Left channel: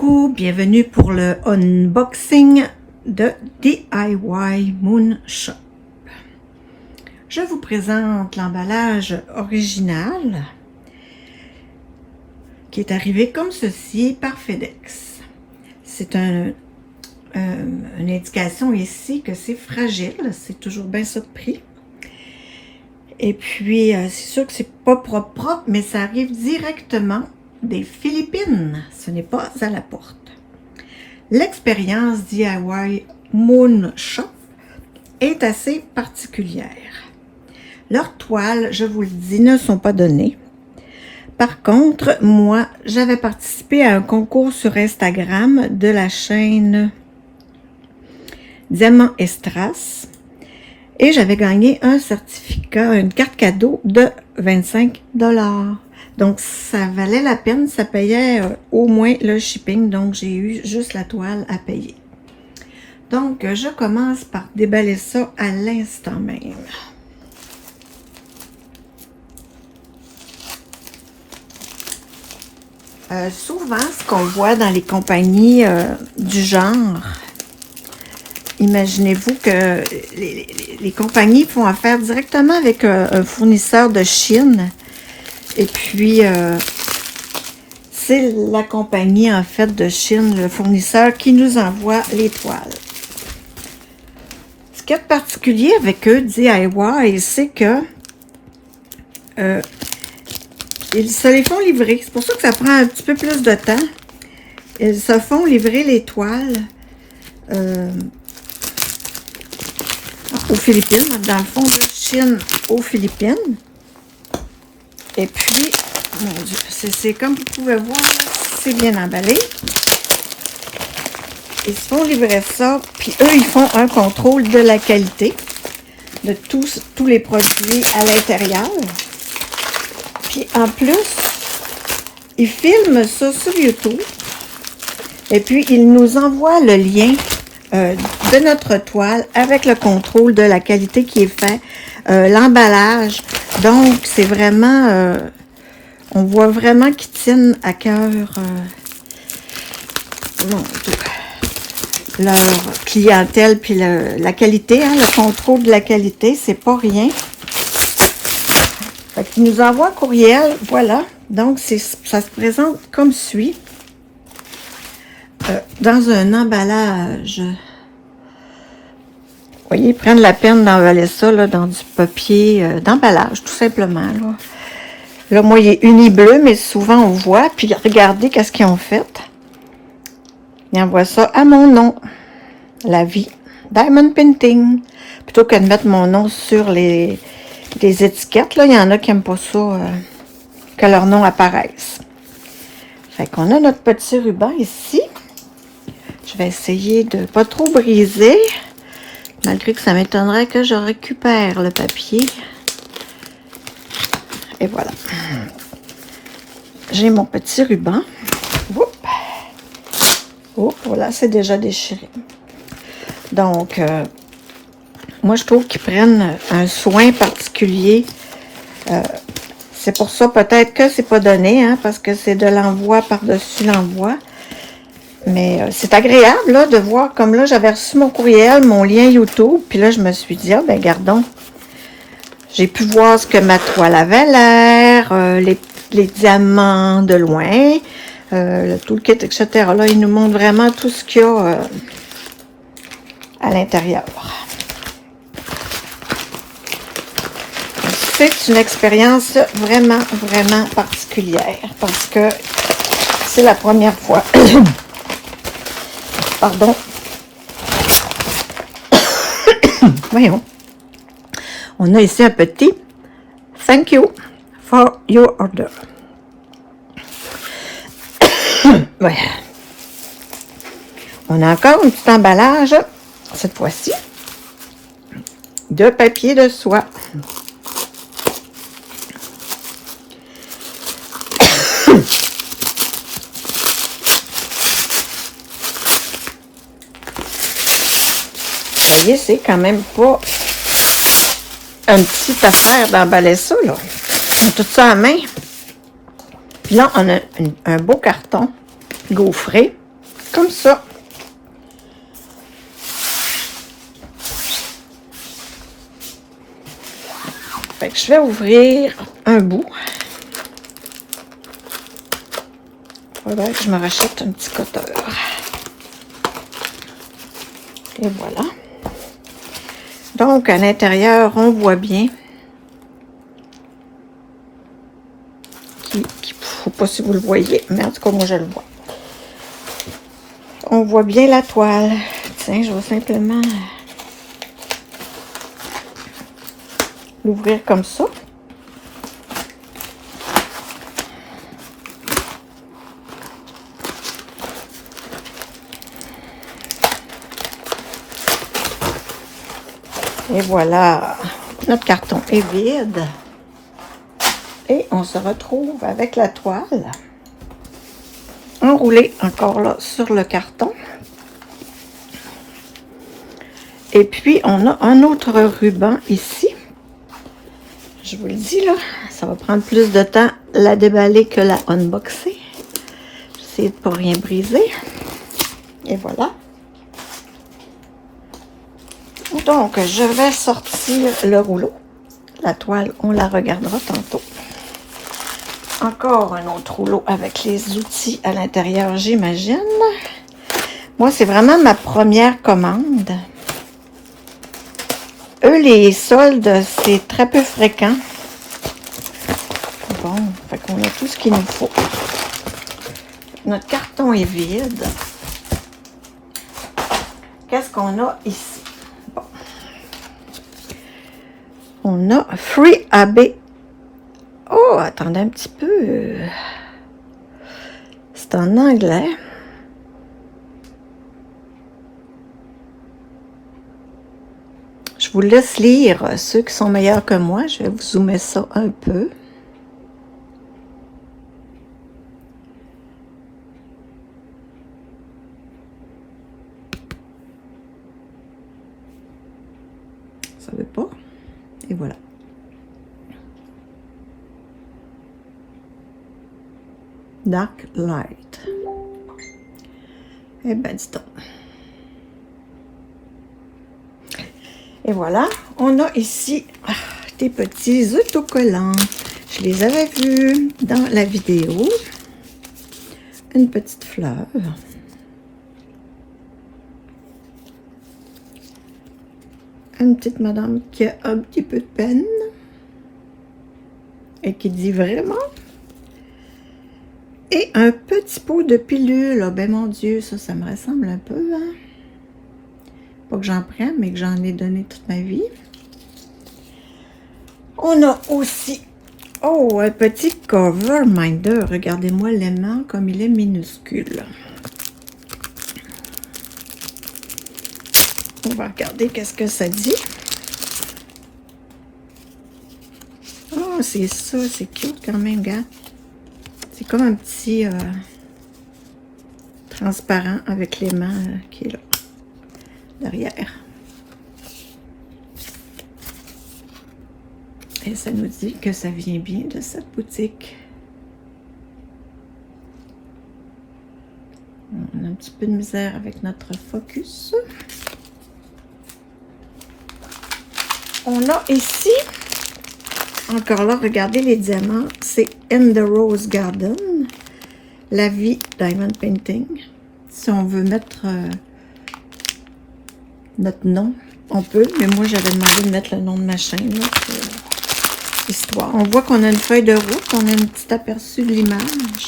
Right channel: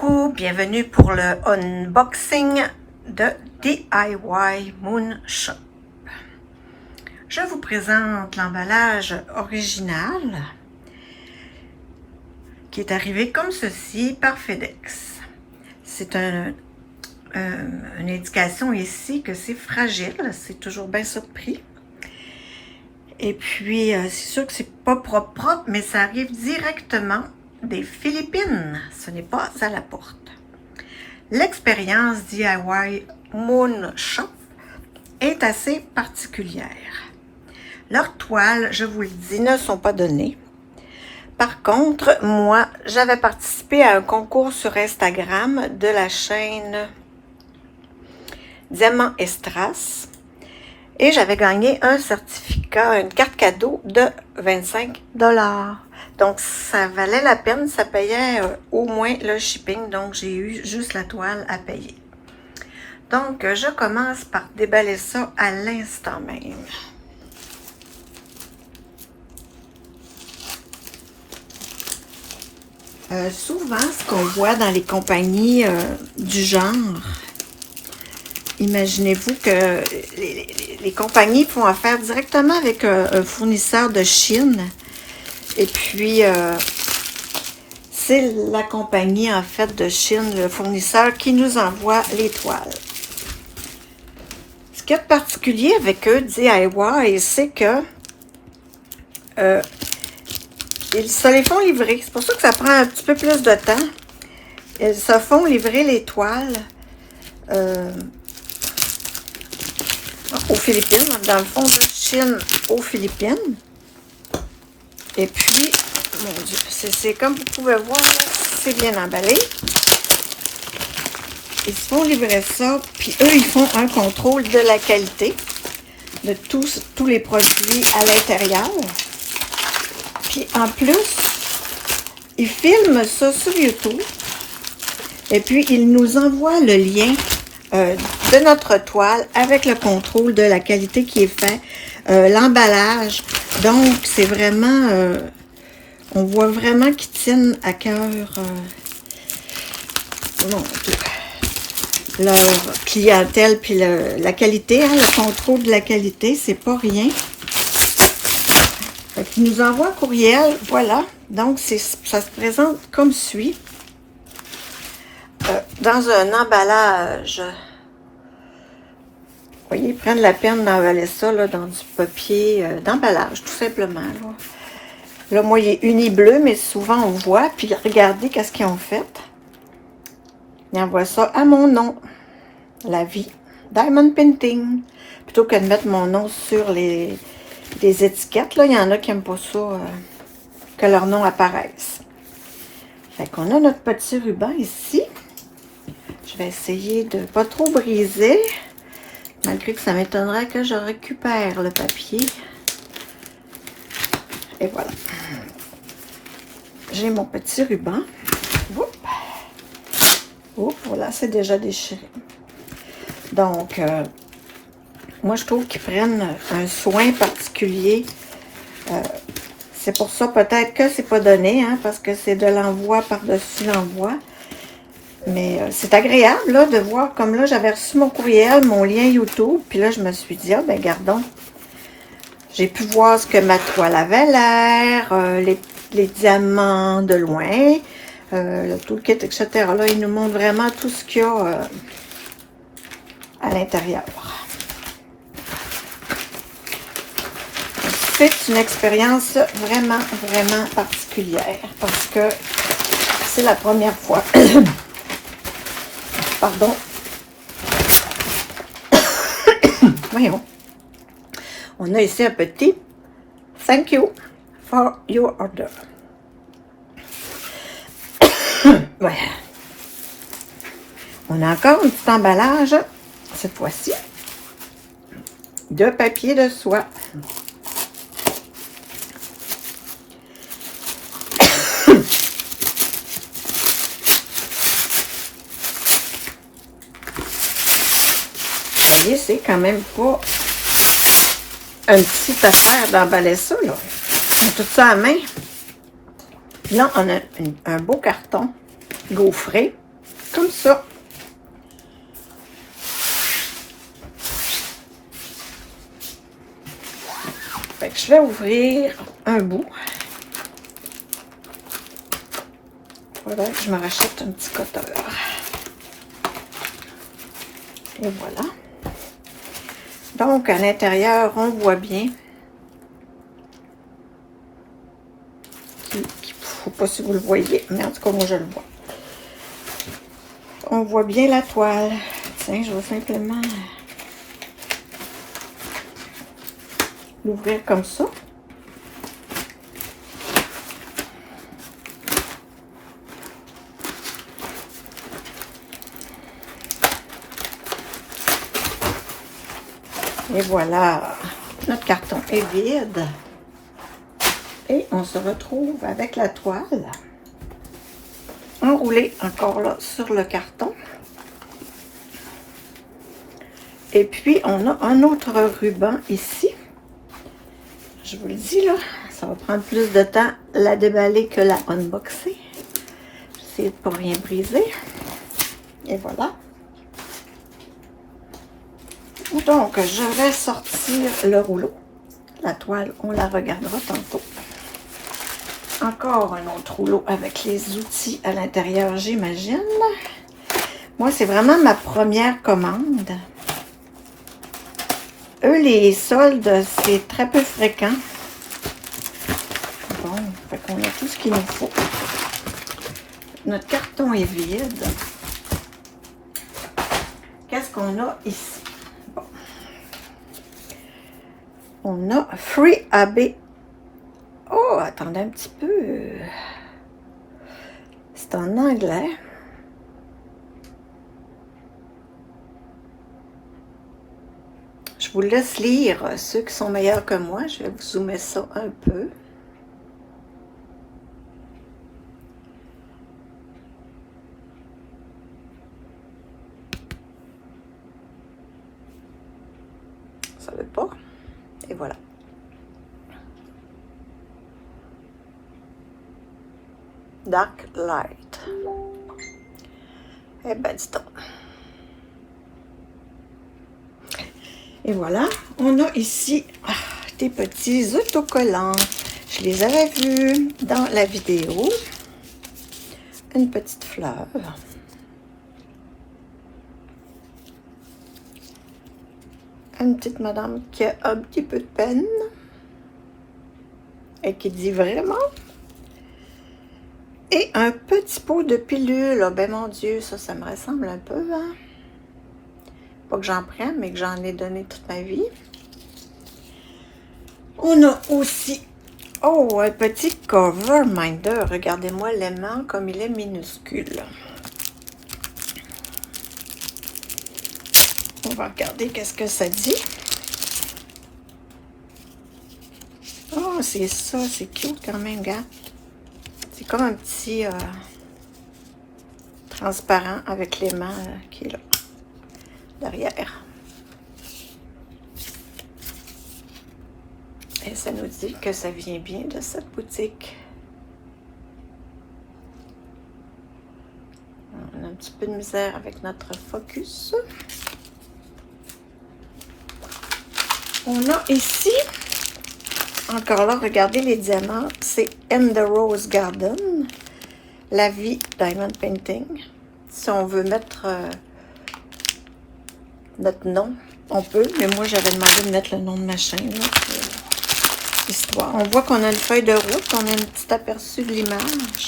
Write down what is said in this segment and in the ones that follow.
coucou, bienvenue pour le unboxing de DIY Moon Shop. Je vous présente l'emballage original qui est arrivé comme ceci par FedEx. C'est une indication ici que c'est fragile, c'est toujours bien ça de prix. Et puis, c'est sûr que c'est pas propre, mais ça arrive directement des Philippines. Ce n'est pas à la porte. L'expérience DIY Moon Shop est assez particulière. Leurs toiles, je vous le dis, ne sont pas données. Par contre, moi, j'avais participé à un concours sur Instagram de la chaîne Diamant et Strass. Et j'avais gagné un certificat, une carte cadeau de 25 $. Donc, ça valait la peine, ça payait au moins le shipping. Donc, j'ai eu juste la toile à payer. Donc, je commence par déballer ça à l'instant même. Souvent, ce qu'on voit dans les compagnies du genre, imaginez-vous que les compagnies font affaire directement avec un fournisseur de Chine. Et puis, c'est la compagnie, en fait, de Chine, le fournisseur, qui nous envoie les toiles. Ce qui est particulier avec eux, DIY, c'est que ils se les font livrer. C'est pour ça que ça prend un petit peu plus de temps. Ils se font livrer les toiles aux Philippines, dans le fond de Chine aux Philippines. Et puis, mon Dieu, c'est comme vous pouvez voir, c'est bien emballé. Ils se font livrer ça, puis eux, ils font un contrôle de la qualité de tous les produits à l'intérieur. Puis en plus, ils filment ça sur YouTube. Et puis, ils nous envoient le lien de notre toile avec le contrôle de la qualité qui est fait, l'emballage. Donc, c'est vraiment, on voit vraiment qu'ils tiennent à cœur leur clientèle, puis la qualité, hein, le contrôle de la qualité, c'est pas rien. Fait qu'ils nous envoient un courriel, voilà. Donc, ça se présente comme suit. Dans un emballage. Vous voyez, ils prennent la peine d'emballer ça là, dans du papier d'emballage, tout simplement. Là, moi, il est uni bleu, mais souvent on voit. Puis regardez qu'est-ce qu'ils ont fait. Ils envoient ça à mon nom. La vie. Diamond Painting. Plutôt que de mettre mon nom sur les étiquettes, là, il y en a qui n'aiment pas ça, que leur nom apparaisse. Fait qu'on a notre petit ruban ici. Je vais essayer de ne pas trop briser, malgré que ça m'étonnerait que je récupère le papier. Et voilà. J'ai mon petit ruban. Oh, voilà, c'est déjà déchiré. Donc, moi, je trouve qu'ils prennent un soin particulier. C'est pour ça peut-être que c'est pas donné, hein, parce que c'est de l'envoi par-dessus l'envoi. Mais c'est agréable là, de voir, comme là, j'avais reçu mon courriel, mon lien YouTube, puis là, je me suis dit, ah ben gardons. J'ai pu voir ce que ma toile avait l'air, les diamants de loin, tout le kit, etc. Là, ils nous montrent vraiment tout ce qu'il y a à l'intérieur. C'est une expérience vraiment, vraiment particulière, parce que c'est la première fois. Pardon. Voyons. On a ici un petit thank you for your order. Voilà. On a encore un petit emballage, cette fois-ci, de papier de soie. Vous voyez, c'est quand même pas une petite affaire d'emballer ça, là. On a tout ça à main. Puis là, on a un beau carton gaufré. comme ça. Fait que je vais ouvrir un bout. Voilà, je me rachète un petit cutter. Et voilà. Donc, à l'intérieur, on voit bien faut pas si vous le voyez, mais en tout cas, moi, je le vois. On voit bien la toile. Tiens, je vais simplement l'ouvrir comme ça. Et voilà, notre carton est vide. Et on se retrouve avec la toile enroulée encore là sur le carton. Et puis, on a un autre ruban ici. Je vous le dis, là, ça va prendre plus de temps la déballer que la unboxer. J'essaie de ne pas rien briser. Et voilà. Donc, je vais sortir le rouleau. La toile, on la regardera tantôt. Encore un autre rouleau avec les outils à l'intérieur, j'imagine. Moi, c'est vraiment ma première commande. Eux, les soldes, c'est très peu fréquent. Bon, fait qu'on a tout ce qu'il nous faut. Notre carton est vide. Qu'est-ce qu'on a ici? Bon. On a Free AB. Oh, attendez un petit peu. C'est en anglais. Je vous laisse lire ceux qui sont meilleurs que moi. Je vais vous zoomer ça un peu. Ça veut pas. Et voilà. Dark Light. Eh ben, dis donc. Et voilà, on a ici des petits autocollants. Je les avais vus dans la vidéo. Une petite fleur. Une petite madame qui a un petit peu de peine. Et qui dit vraiment. Et un petit pot de pilule. Oh, ben mon Dieu, ça me ressemble un peu, hein? Pas que j'en prenne, mais que j'en ai donné toute ma vie. On a aussi, oh, un petit cover minder. Regardez-moi l'aimant comme il est minuscule. On va regarder qu'est-ce que ça dit. Oh, c'est ça, c'est cute quand même, gars. C'est comme un petit transparent avec l'aimant qui est là, derrière. Et ça nous dit que ça vient bien de cette boutique. On a un petit peu de misère avec notre focus. On a ici, encore là, regardez les diamants, c'est In the Rose Garden, La Vie Diamond Painting. Si on veut mettre notre nom, on peut, mais moi j'avais demandé de mettre le nom de ma chaîne, histoire. On voit qu'on a une feuille de route, on a un petit aperçu de l'image.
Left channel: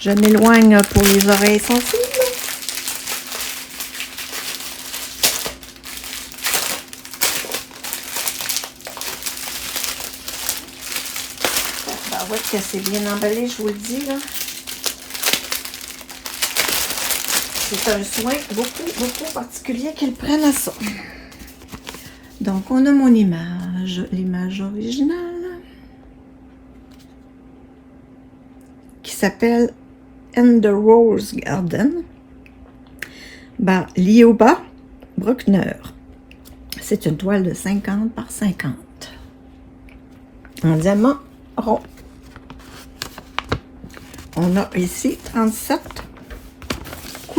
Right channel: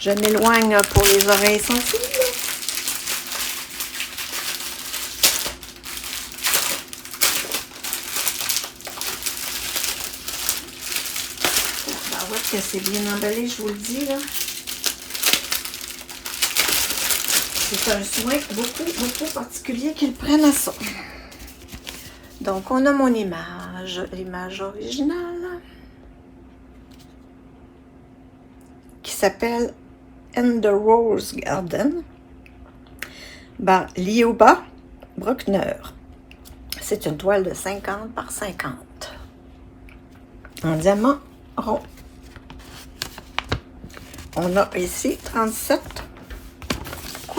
Je m'éloigne pour les oreilles sensibles. On voit que c'est bien emballé, je vous le dis là. C'est un soin beaucoup particulier qu'ils prennent à ça. Donc, on a mon image, l'image originale, qui s'appelle In the Rose Garden, par Lioba Bruckner. C'est une toile de 50 par 50. Un diamant rond. On a ici 37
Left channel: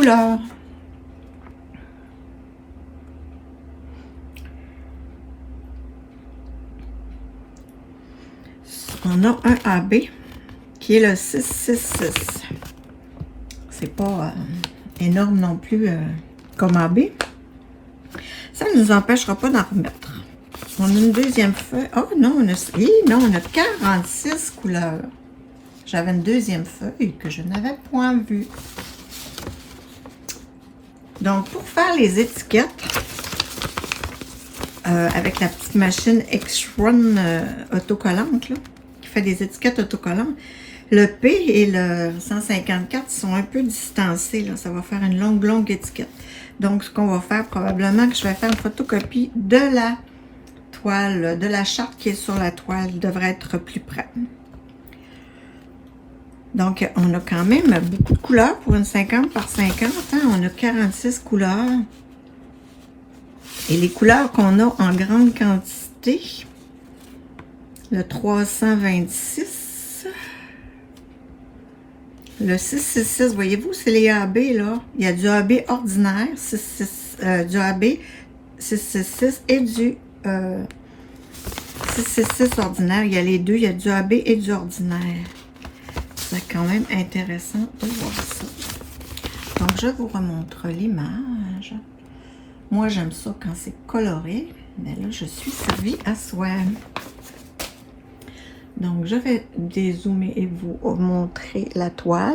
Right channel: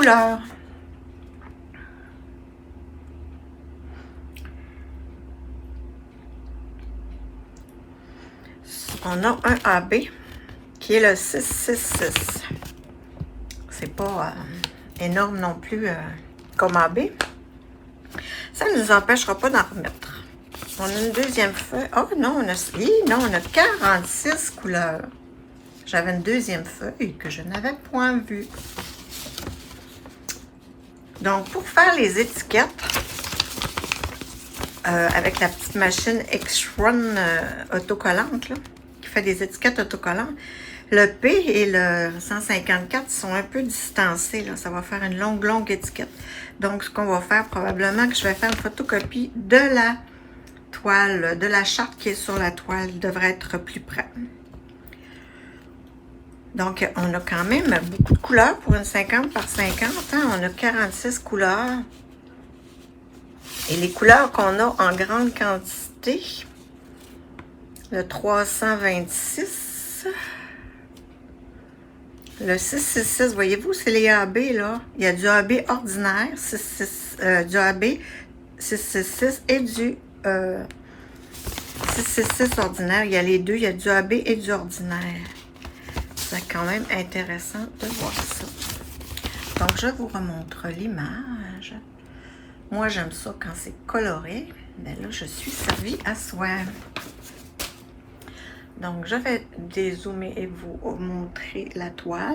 couleurs. On a un AB qui est le 666. C'est pas énorme non plus comme AB. Ça ne nous empêchera pas d'en remettre. On a une deuxième feuille. Oh non, on a 46 couleurs. J'avais une deuxième feuille que je n'avais point vue. Donc, pour faire les étiquettes, avec la petite machine X-Run autocollante, là, qui fait des étiquettes autocollantes, le P et le 154 sont un peu distancés. Là. Ça va faire une longue étiquette. Donc, ce qu'on va faire, probablement que je vais faire une photocopie de la toile, de la charte qui est sur la toile. Il devrait être plus près. Donc, on a quand même beaucoup de couleurs pour une 50 par 50. Hein? On a 46 couleurs. Et les couleurs qu'on a en grande quantité, le 326, le 666, voyez-vous, c'est les AB, là. Il y a du AB ordinaire, du AB 666 et du 666 ordinaire. Il y a les deux, il y a du AB et du ordinaire. C'est quand même intéressant de voir ça. Donc, je vous remontre l'image. Moi, j'aime ça quand c'est coloré. Mais là, je suis servie à soi. Donc, je vais dézoomer et vous montrer la toile.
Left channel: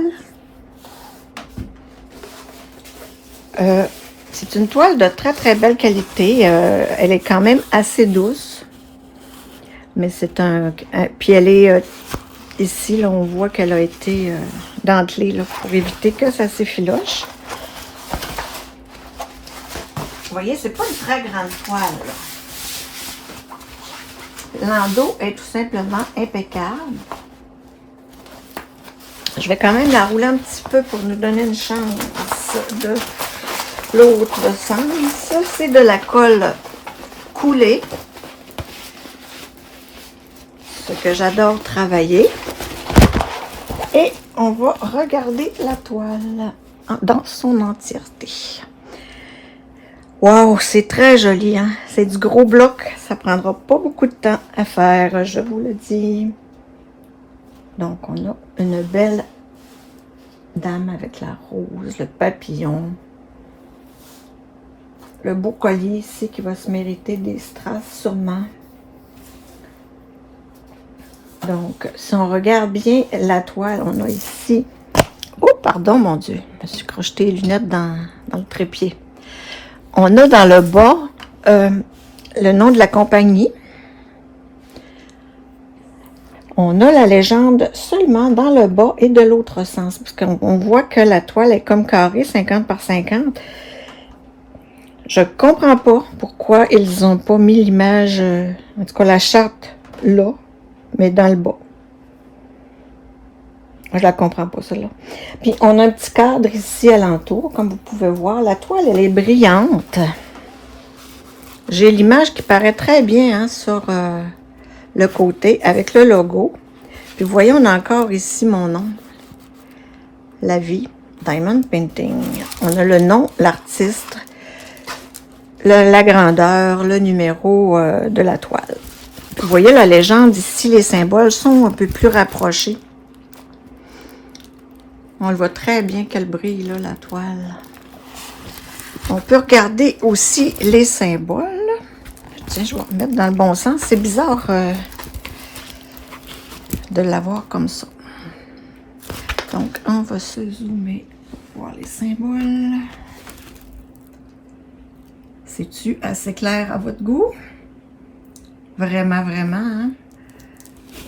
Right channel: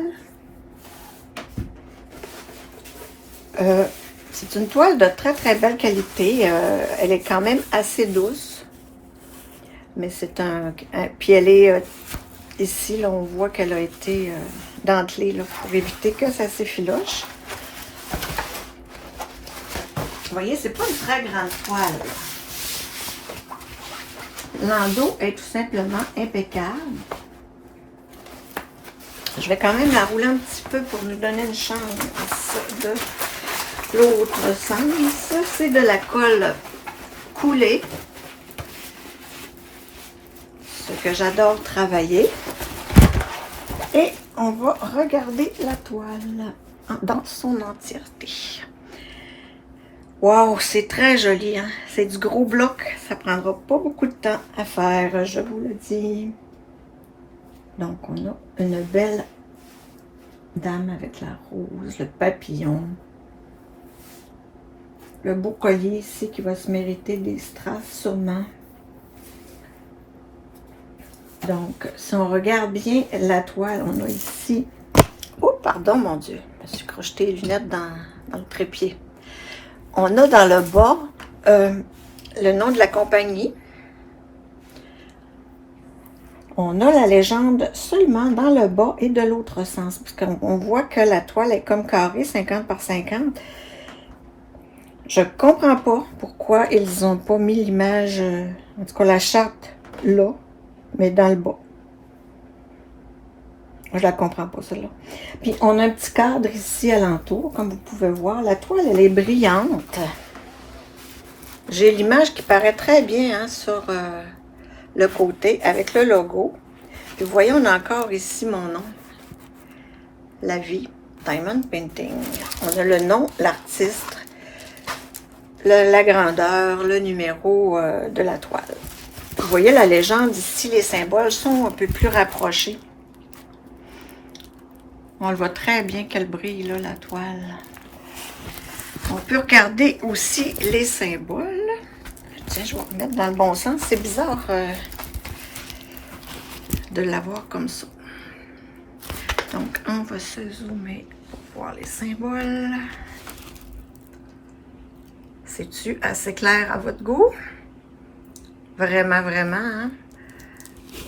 C'est une toile de très belle qualité. Elle est quand même assez douce. Mais c'est puis elle est... ici, là, on voit qu'elle a été dentelée là, pour éviter que ça s'effiloche. Vous voyez, c'est pas une très grande toile. L'endos est tout simplement impeccable. Je vais quand même la rouler un petit peu pour nous donner une chance de l'autre sens. Ça, c'est de la colle coulée. Ce que j'adore travailler. Et on va regarder la toile dans son entièreté. Wow, c'est très joli, hein? C'est du gros bloc. Ça prendra pas beaucoup de temps à faire, je vous le dis. Donc, on a une belle dame avec la rose, le papillon. Le beau collier ici qui va se mériter des strass sûrement. Donc, si on regarde bien la toile, on a ici... Oh, pardon, mon Dieu. Je me suis crocheté les lunettes dans le trépied. On a dans le bas le nom de la compagnie. On a la légende seulement dans le bas et de l'autre sens. Parce qu'on voit que la toile est comme carrée, 50 par 50. Je comprends pas pourquoi ils n'ont pas mis l'image, en tout cas la charte là, mais dans le bas. Je la comprends pas, celle-là. Puis, on a un petit cadre ici alentour, comme vous pouvez voir. La toile, elle est brillante. J'ai l'image qui paraît très bien hein, sur le côté, avec le logo. Puis, vous voyez, on a encore ici mon nom. La vie, Diamond Painting. On a le nom, l'artiste, la grandeur, le numéro de la toile. Puis, vous voyez, la légende ici, les symboles sont un peu plus rapprochés. On le voit très bien qu'elle brille, là, la toile. On peut regarder aussi les symboles. Tiens, je vais remettre dans le bon sens. C'est bizarre de l'avoir comme ça. Donc, on va se zoomer pour voir les symboles. C'est-tu assez clair à votre goût? Vraiment, hein?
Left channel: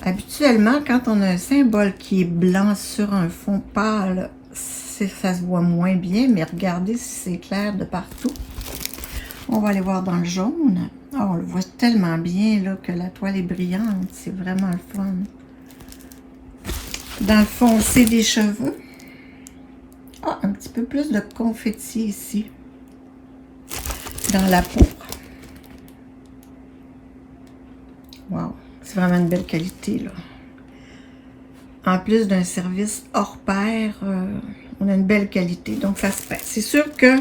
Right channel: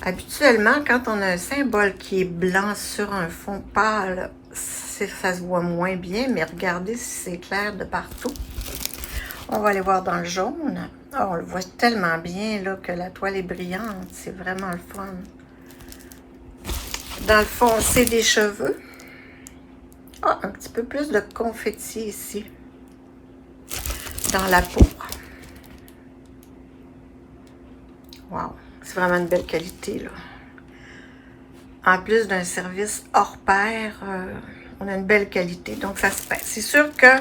Habituellement, quand on a un symbole qui est blanc sur un fond pâle, ça se voit moins bien, mais regardez si c'est clair de partout. On va aller voir dans le jaune. Oh, on le voit tellement bien là, que la toile est brillante. C'est vraiment le fun. Dans le foncé des cheveux. Ah, un petit peu plus de confetti ici. Dans la peau. Wow. C'est vraiment une belle qualité, là. En plus d'un service hors pair, On a une belle qualité, donc ça se passe. C'est sûr que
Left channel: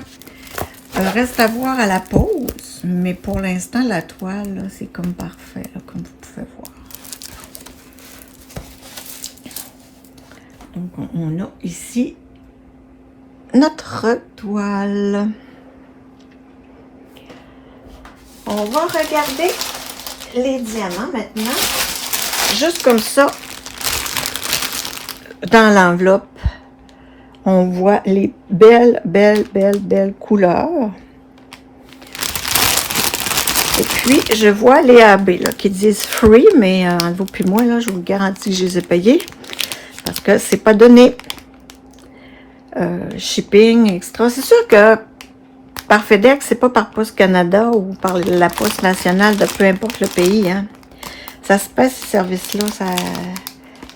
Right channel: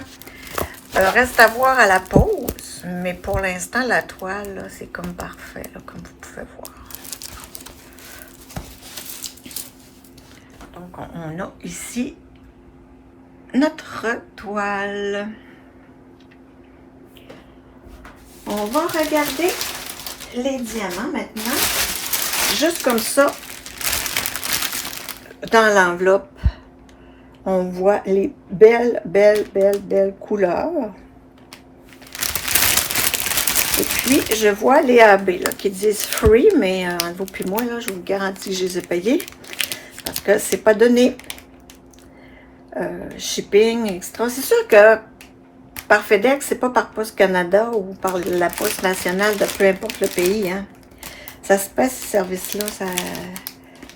reste à voir à la pause, mais pour l'instant, la toile, c'est comme parfait, là, comme vous pouvez voir. Donc, on a ici notre toile. On va regarder les diamants maintenant. Juste comme ça, dans l'enveloppe, on voit les belles couleurs. Et puis, je vois les AB là, qui disent free, mais vous puis moi, là, je vous garantis que je les ai payés. Parce que c'est pas donné. Shipping, extra. C'est sûr que par FedEx, c'est pas par Poste Canada ou par la Poste nationale de peu importe le pays. Hein. Ça se passe, ces services-là.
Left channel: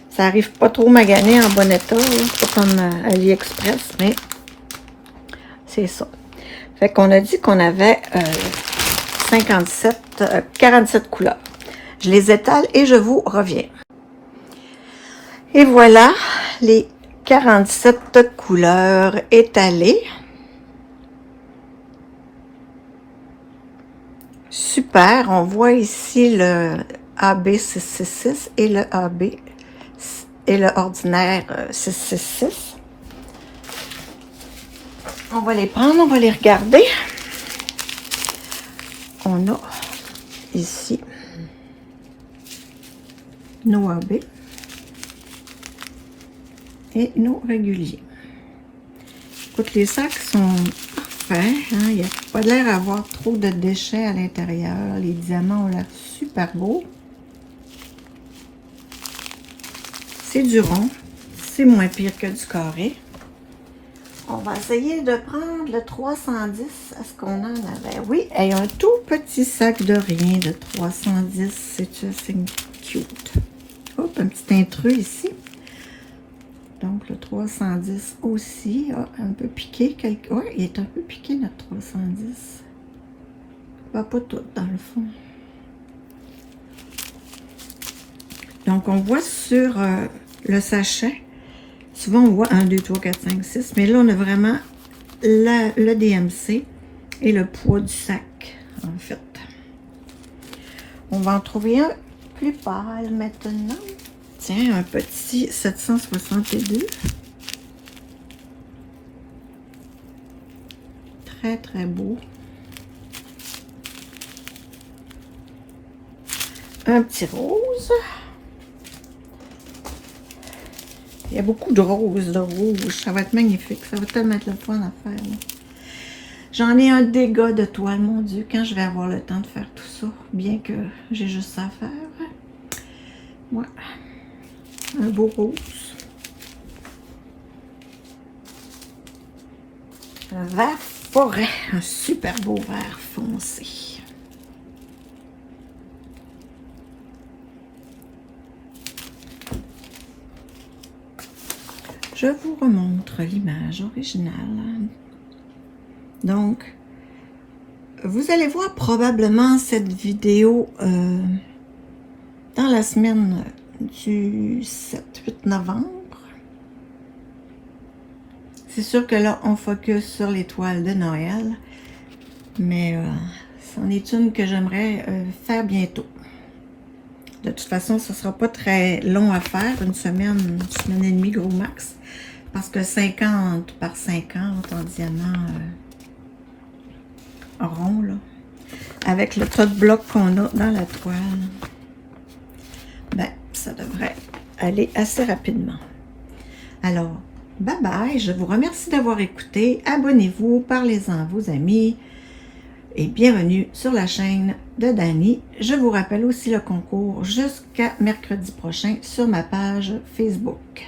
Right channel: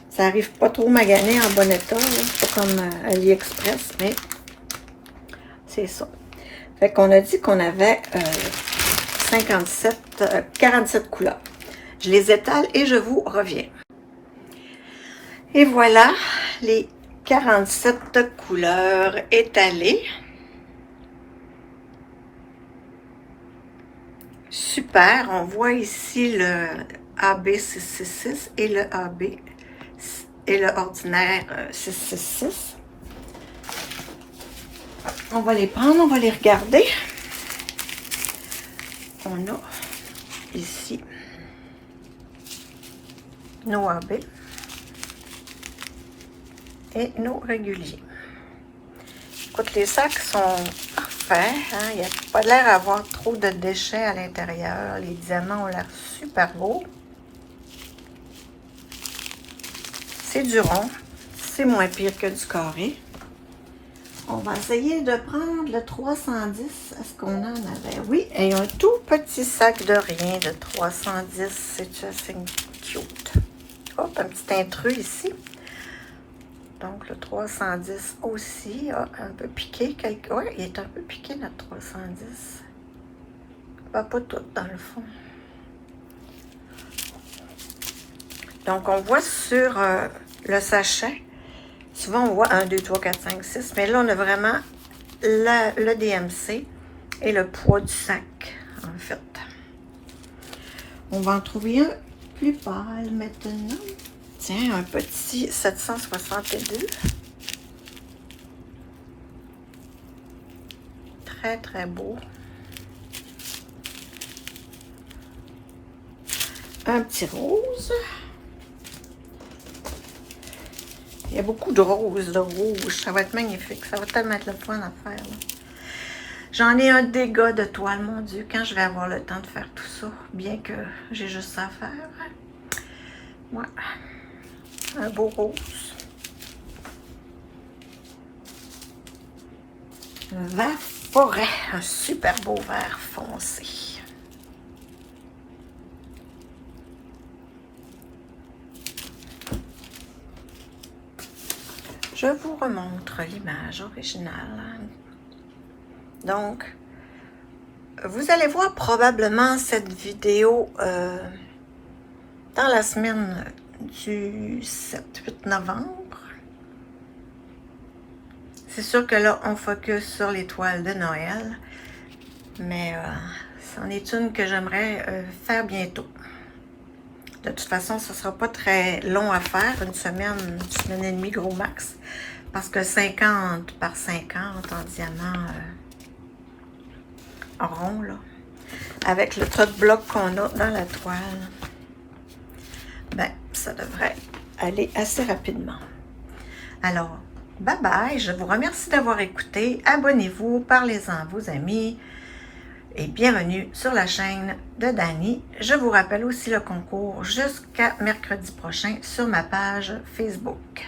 Ça arrive pas trop magané en bon état. C'est pas comme AliExpress, mais c'est ça. Fait qu'on a dit qu'on avait 47 couleurs. Je les étale et je vous reviens. Et voilà les 47 couleurs étalées. Super, on voit ici le AB666 et le AB et le ordinaire 666. On va les prendre, on va les regarder. On a ici nos AB et nos réguliers. Écoute, les sacs sont parfaits. Hein? Il n'y a pas l'air d'avoir trop de déchets à l'intérieur. Les diamants ont l'air super beaux. C'est du rond. C'est moins pire que du carré. On va essayer de prendre le 310. Est-ce qu'on en avait? Oui, et un tout petit sac de rien de 310. C'est assez cute. Hop, un petit intrus ici. Donc, le 310 aussi a un peu piqué. Oui, il est un peu piqué, notre 310. Pas tout, dans le fond. Donc, on voit sur le sachet, souvent on voit 1, 2, 3, 4, 5, 6, mais là, on a vraiment le DMC et le poids du sac, en fait. On va en trouver un plus pâle maintenant. Tiens, un petit 762. Très, très beau. Un petit rose. Il y a beaucoup de roses, de rouge. Ça va être magnifique. Ça va tellement être le fun à faire. J'en ai un dégât de toile, mon Dieu, quand je vais avoir le temps de faire tout ça. Bien que j'ai juste ça à faire. Ouais. Un beau rose. Un vert forêt. Un super beau vert foncé. Je vous remontre l'image originale. Donc, vous allez voir probablement cette vidéo dans la semaine du 7-8 novembre. C'est sûr que là, on focus sur les toiles de Noël, mais c'en est une que j'aimerais faire bientôt. De toute façon, ce ne sera pas très long à faire, une semaine et demie gros max, parce que 50 par 50 en diamant rond, là, avec le tas de blocs qu'on a dans la toile, ben, ça devrait aller assez rapidement. Alors, bye bye, je vous remercie d'avoir écouté, abonnez-vous, parlez-en à vos amis, et bienvenue sur la chaîne de Dani. Je vous rappelle aussi le concours jusqu'à mercredi prochain sur ma page Facebook.